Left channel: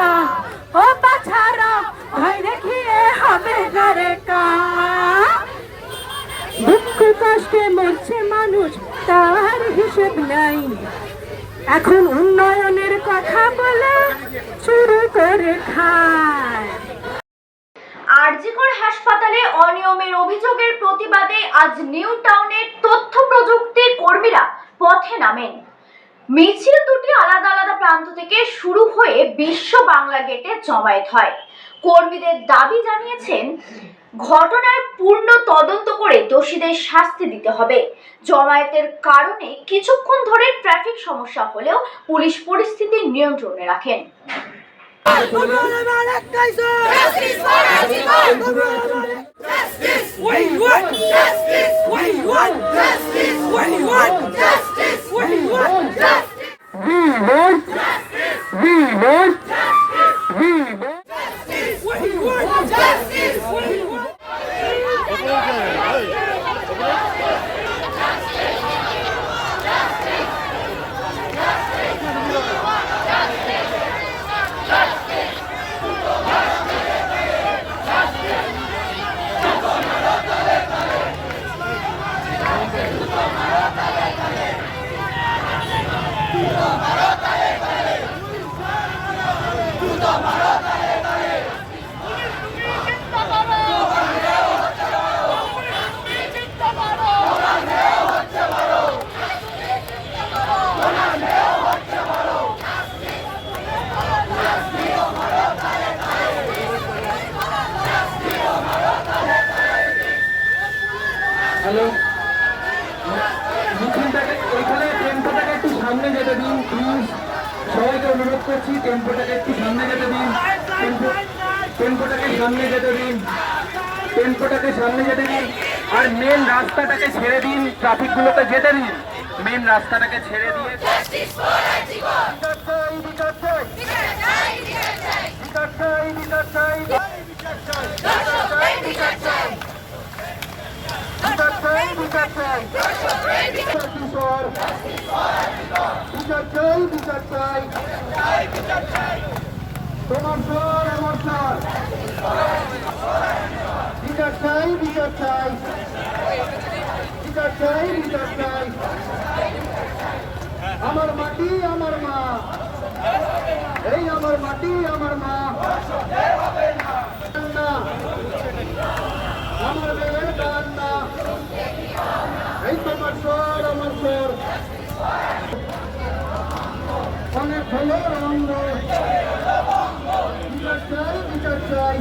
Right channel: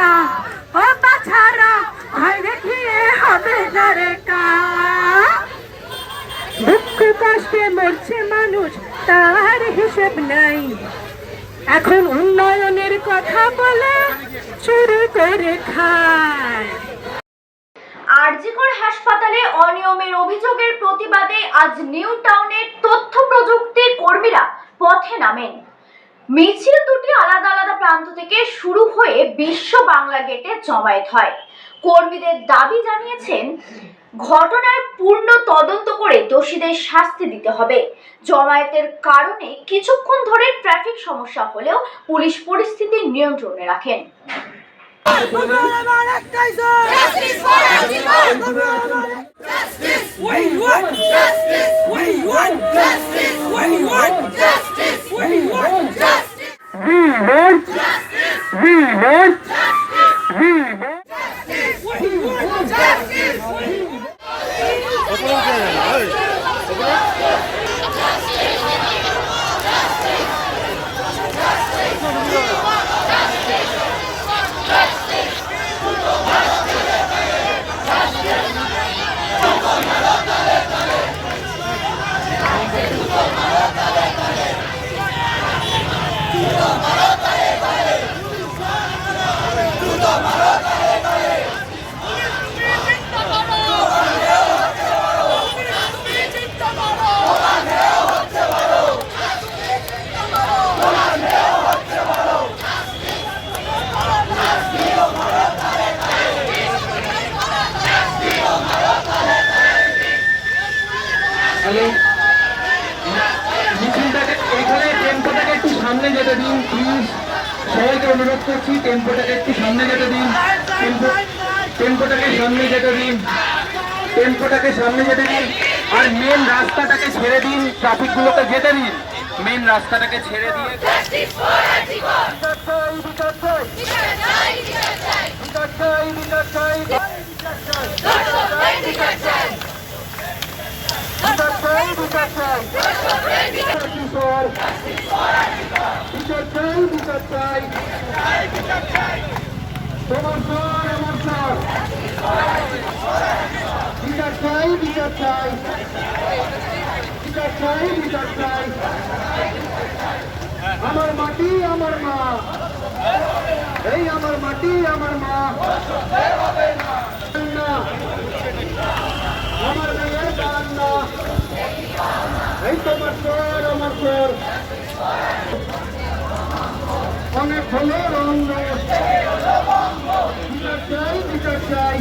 কা ও বাছারা ভয় দেখিয়ে হবে না রে কা দুঃখ কষ্টে মরছে মানুষ, তার হিসেব নাই। এখন উন্নয়নের কথা বলে শুরু করে খায়। আরজিকর হাসপাতালে অনিয়মের অভিযোগের প্রতিবাদে আজ নিউ টাউনের তথ্য প্রযুক্তি কর্মীরা পথে নামেন। মিছিল দুটি আলাদা আলাদা প্রান্ত থেকে শুরু হয়ে বিশ্ব বাংলা গেটে জমায়েত হয়। কর্মীদের দাবি জানিয়েছেন, ঘটনার পূর্ণ তদন্ত করে দোষীদের শাস্তি দিতে হবে। জমায়েতের কারণে কিছুক্ষণ ধরে ট্রাফিক সমস্যা হলেও পুলিশ পরিস্থিতি নিয়ন্ত্রণে রাখেন। Justice. We want We want justice. We want hello মিছিলটাকে টেম্পোটাকে একটু সামনে যেতে দিন প্লিজ সবাইকে অনুরোধ করছি টেম্পোটাকে একটু সামনে যেতে দিন। টেম্পো টেম্পোটাকে সামনে যেতে দিন। টেম্পোটাকে সামনে যেতে দিন। আর মেন রাস্তাটাকে ছেড়ে দিন ট্রাফিকগুলোকে যেতে দিন। মেন রাস্তাটাকে ছেড়ে দিয়ে বিচার চাই, বিচার চাই। বিচার চাই, বিচার চাই। বিচার চাই, বিচার চাই। বিচার চাই, বিচার চাই। কিশোর। বিচার চাই, বিচার চাই। তোমার স্বর, আমার স্বর। বিচার চাই, বিচার চাই। বিচার চাই, বিচার চাই। আমার মাটি আমার মা। এই আমার মাটি আমার মা। আমার মেয়ের বারান্দা। এই তোমার স্বর আমার স্বর। অনেক হলে রঙ্গ বিচার চাই বিচার চাই।